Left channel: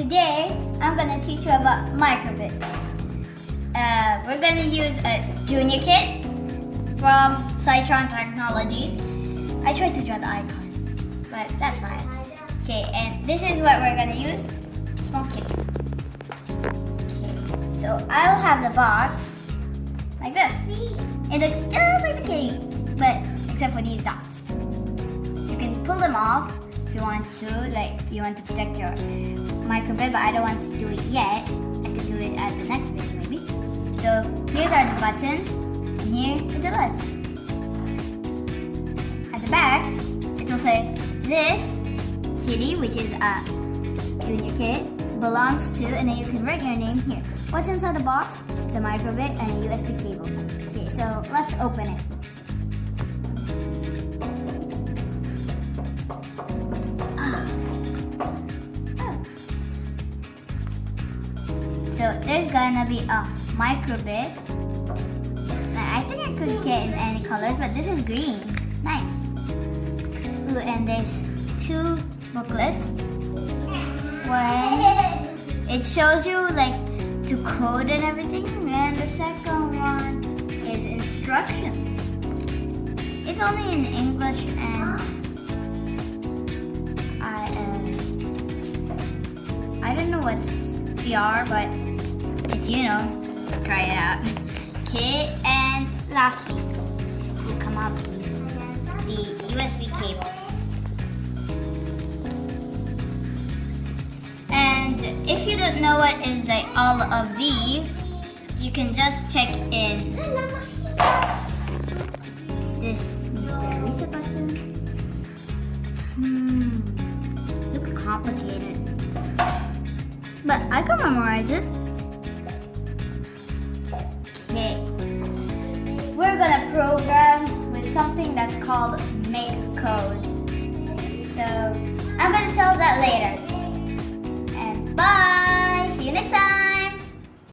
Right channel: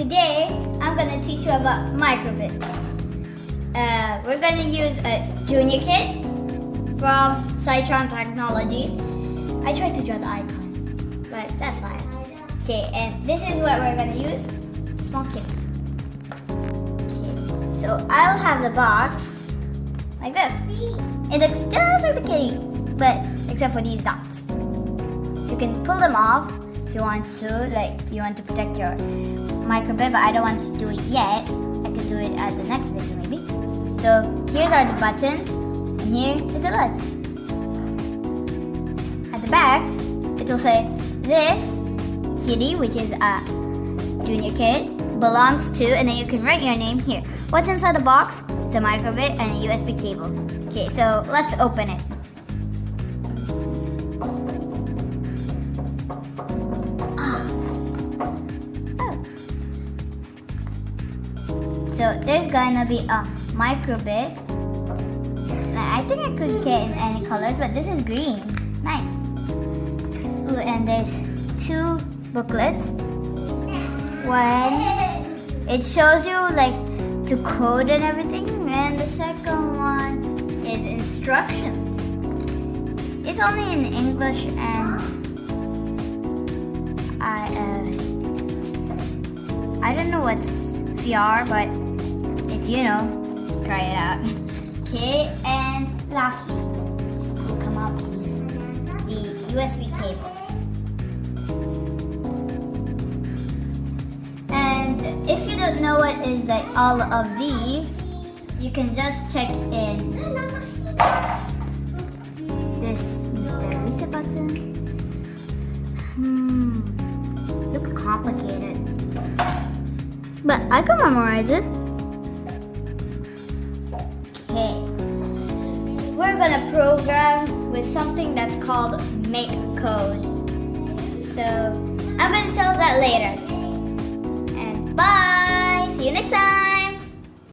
Today, I'm gonna teach you about Microbit. We're gonna use a junior kit from Cytron Technologies. I tried to draw the icon, but that's fine. Okay, and this is what we're gonna use. Small kit. Okay, so I'll have the box like this. It looks just like the cake, but except for these dots. You can pull them off if you want to, like if you want to protect your Microbit, but I don't want to do it yet. I can do it at the next video maybe. So here are the buttons, and here is the LEDs. At the back, it will say this kitty, which is a junior kit, belongs to, and then you can write your name here. What's inside the box? It's a Microbit and a USB cable. Okay, so let's open it. So there's gonna be a Microbit. I think I could get in any colors, but this is green. Nice. Ooh, and there's two booklets. One, it shows you like to code and everything, and the second one is instructions. It's only in English, and I don't know what's VR, but if you know, try it out. Okay, and lastly, will come up the USB cable. And if you don't know what is like all of these, you can just check in this. Where is the button? Looks complicated, but I can memorize it. Okay, we're gonna program with something that's called Microbit.